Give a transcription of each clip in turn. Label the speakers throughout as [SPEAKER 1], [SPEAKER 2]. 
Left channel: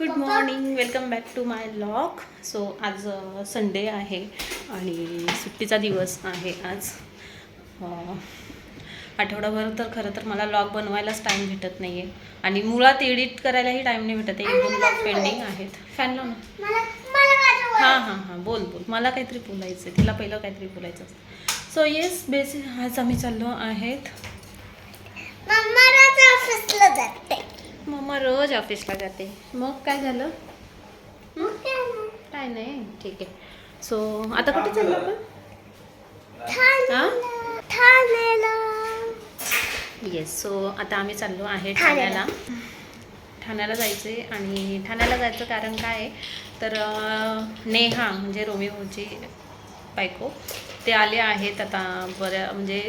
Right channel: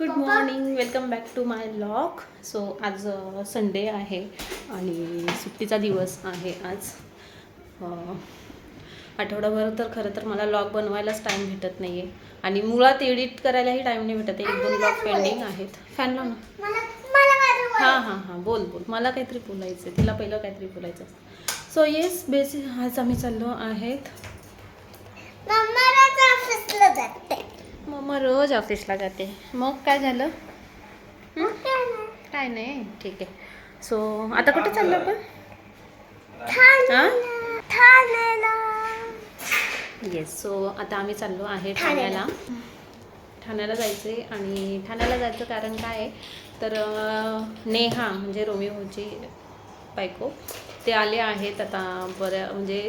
[SPEAKER 1] Good morning welcome back to my vlog so आज Sunday आहे आणि सुट्टीचा दिवस आहे आज. अ, आठवडाभर तर खरं तर मला लॉग बनवायलाच टाईम भेटत नाही आहे आणि मुळात एडिट करायलाही टाईम नाही भेटत. आहे एक दोन लॉग पेंडिंग आहेत. फॅन हां हां हां. बोल बोल. मला काहीतरी बोलायचं आहे तिला पहिलं काहीतरी बोलायचं असतं. सो येस बेसिक आज आम्ही चाललो आहेत. मम्मा रोज ऑफिसला जाते. मग काय झालं? काय नाही ठीक आहे. सो आता कुठे चाललो आपण? येस सो आता आम्ही चाललो आहे ठाण्याला. ठाण्याला जायचं आणि ठाण्याला जायचं कारण काय आहे? तर नेहा म्हणजे रोमिओची बायको ते आले आहेत. आता बऱ्या म्हणजे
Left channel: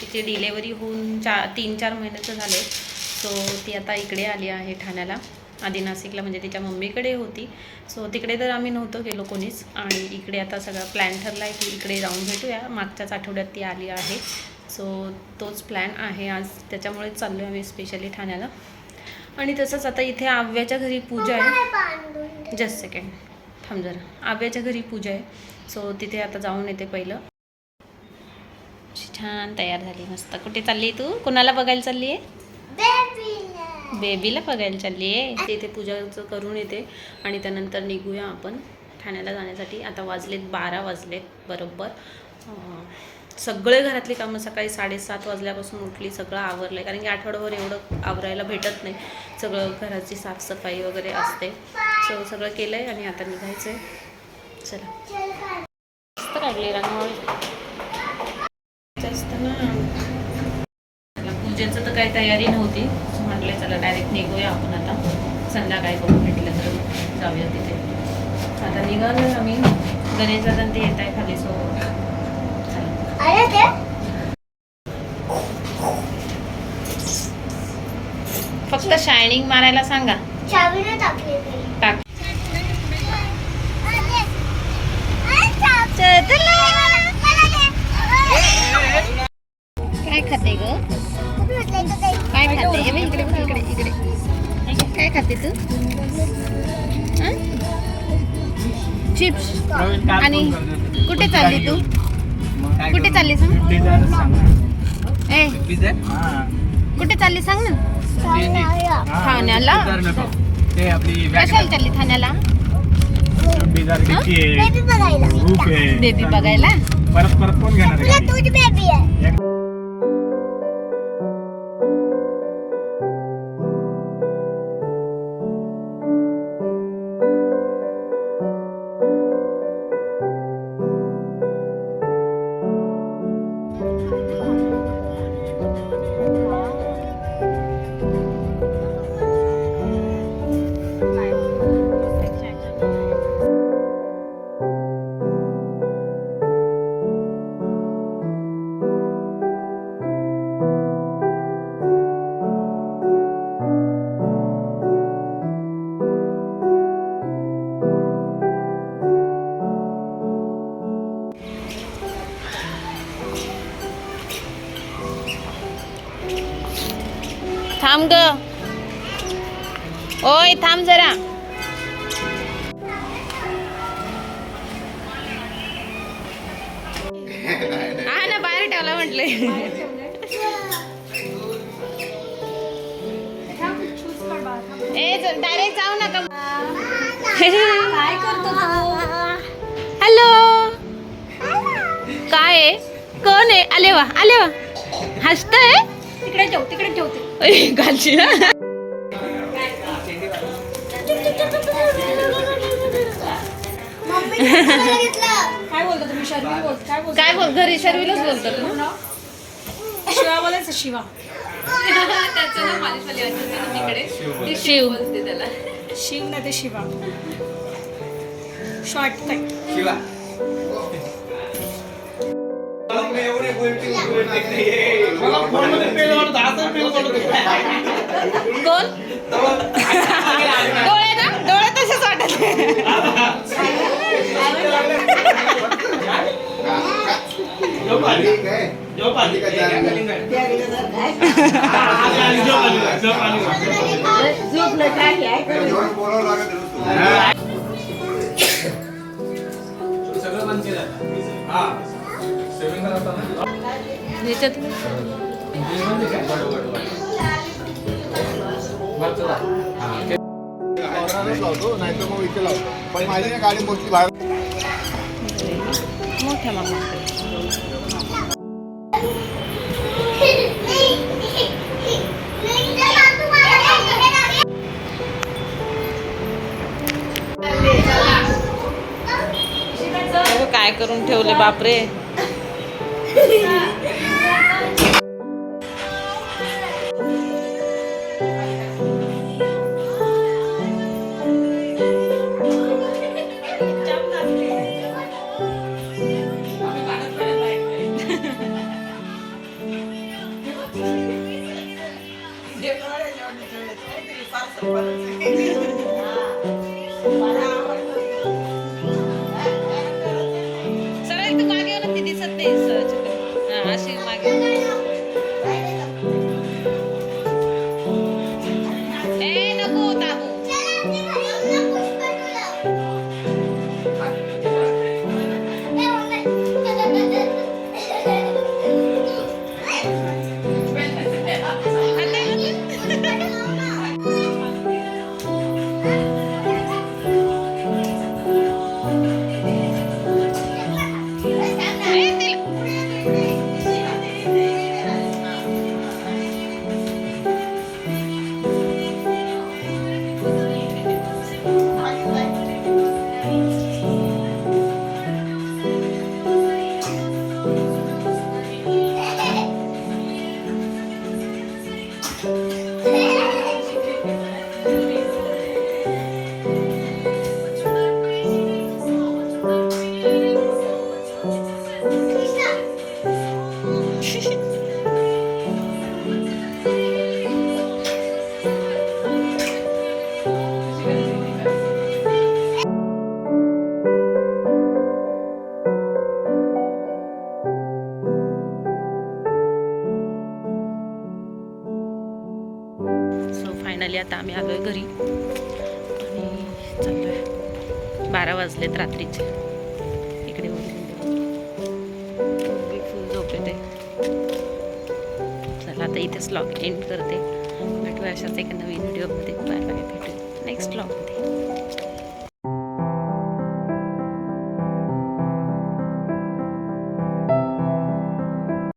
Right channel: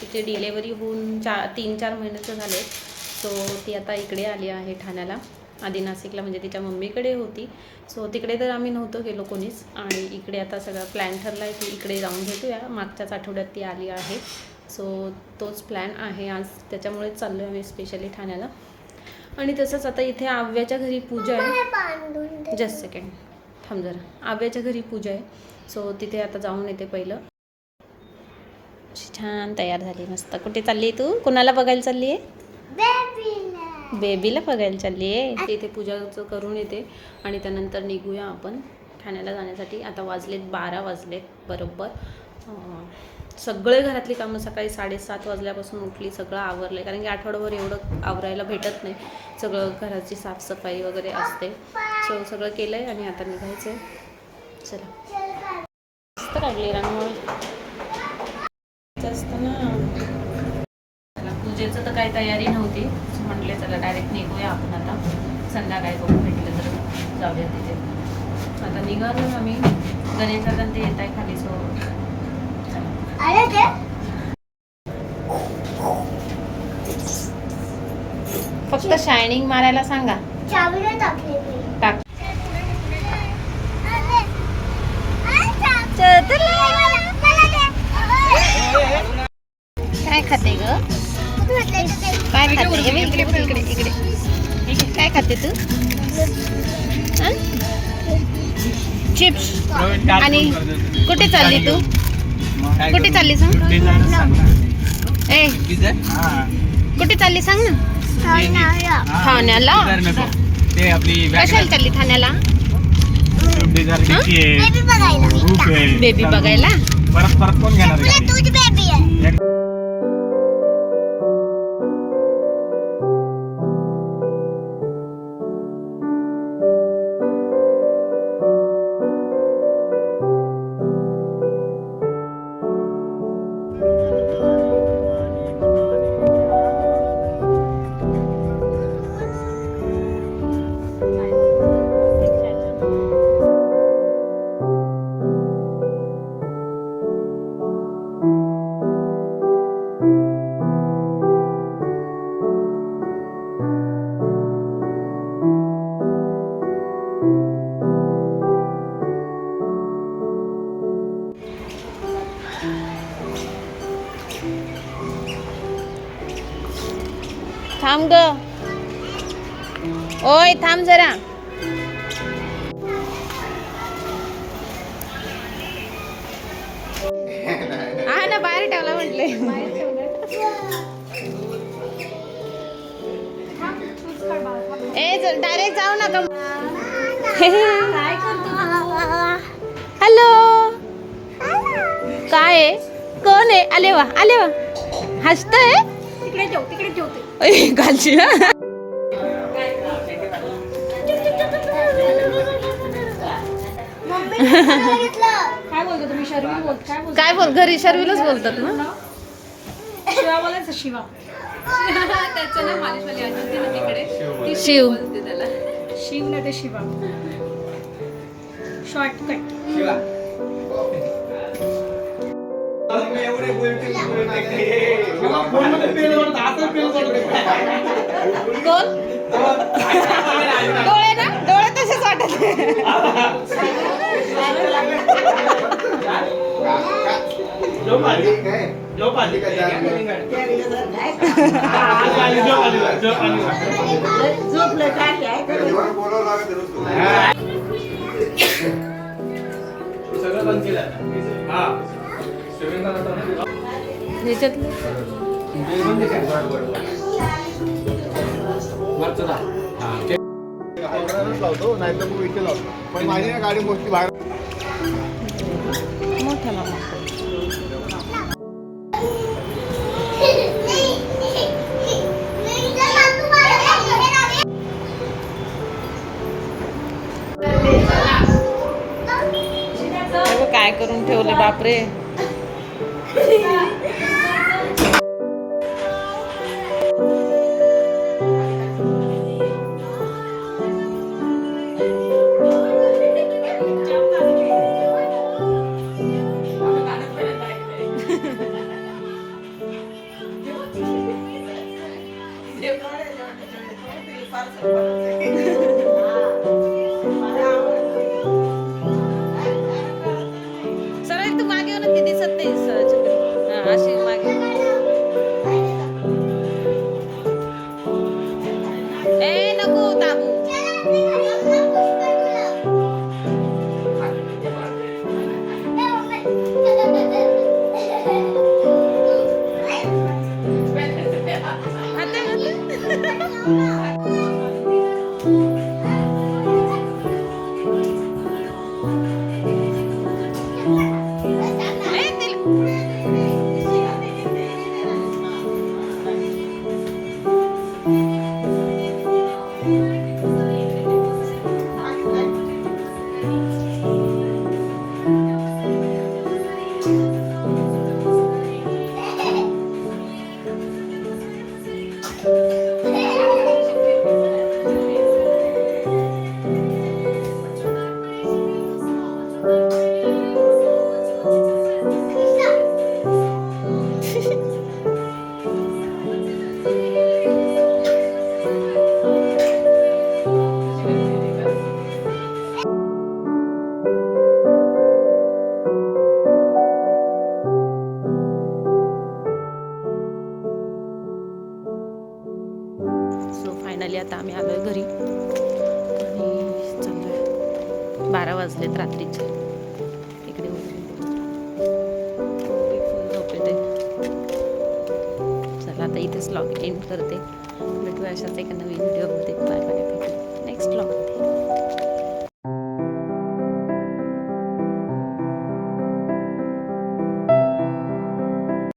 [SPEAKER 1] तिची डिलेवरी होऊन चा तीन चार महिन्याचं झाले सो ती आता इकडे आली आहे ठाण्याला. आधी नाशिकला म्हणजे तिच्या मम्मीकडे होती. सो तिकडे तर आम्ही नव्हतो गेलो कोणीच. आणि इकडे आता सगळा प्लॅन ठरला आहे की इकडे जाऊन भेटूया. मागच्याच आठवड्यात ती आली आहे. सो तोच प्लॅन आहे आज. त्याच्यामुळेच चाललो आहे आम्ही स्पेशली ठाण्याला. आणि तसंच आता इथे आव्याच्या घरी पूजा आहे. जस्ट सेकंड थांब जरा. आव्याच्या घरी पूजा आहे. सो तिथे आता जाऊन येते पहिलं. छान तयार झाली. मस्त. कुठे चालली तू? कोणाला बघायला चालली आहे बेबीला बघायला चालली आहे. तिथे पूजाचं करून येते. आणि त्यानंतर निघूया आपण ठाण्याला जाण्यासाठी. आता वाजलेत बारा वाजलेत बरोबर. सगळे घरातली कामं सकाळी साडेसात वाजल्यापासून उठली सगळं आवरलं कारण की आठवड्यावर एवढं आवरायला भेटत नाही. सगळं घराची साफसफाई वगैरे असते. सो सगळं केलं आहे आणि आता निघायचं आहे चला. मस्त काढली रांगोळ. जास्त ना. पूजेचं तर काही तयारी नव्हती. म्हटले चला डायरेक्ट निघूया आपण आता. संध्याकाळी बघू भेटलं तर जाऊया तिथे. आता निघालो आम्ही. गणेश दादा ते येत आहे खाली सो फक्त शायनिंग मारायला सांगा. टाक. काय खाते ग? काय खाते हे बघ इकडे बघ, इकडे इकडे. ठीक आहे, काय खाते तू? चिप्स. आणि कुठे चालली तू? कुठे चालली सांग. ए. कुठे चालली सांग ना. ठाण्याला
[SPEAKER 2] ते
[SPEAKER 1] कशाला चालली ठाण्याला
[SPEAKER 2] बेबी
[SPEAKER 1] बेबी बघायला.
[SPEAKER 2] परत परत कोण घेणार
[SPEAKER 1] थांब ग. ओय थांब जरा. हा ना बाहेर ठेवला म्हटले. ए डायरेक्ट जाऊ नका काय करतो हॅलो. काय आहे? कोण आहे? आले वा आले वा. हसतंय?
[SPEAKER 3] तिकडे ठेव तिकडे ठेवते काय बोलतो तुम्ही शर्मी बोल काय बोलतो?
[SPEAKER 1] काय बोल घरी शर्वीलाच बोलतात ना?
[SPEAKER 3] शिवा. बोलायचं शिवा.
[SPEAKER 1] शिव
[SPEAKER 3] शिव नाही ते शिवा. शॉर्ट काय
[SPEAKER 1] कोण डोळे ना डोळे तसेच वाटत
[SPEAKER 2] सगळं बंद केलं. हा स्विमिंग
[SPEAKER 4] लावतो नाही तर मग इथे लावतो पण माझी ना गाडी मोठी बाहेर
[SPEAKER 1] मोठ्या मामाकडे अगं, काय करून ठेवले बापरे? हा, फायनली आता आम्ही आलो आहे घरी. आणि चाललोय. बारा वाजलेत रात्रीचे. इकडे फुल फुल झोपेते चला आता इथेच लॉग एंड करते. भेटूया अशाच एका नवीन व्हिडिओमध्ये बाय बाय भेटू नेक्स्ट लॉगमध्ये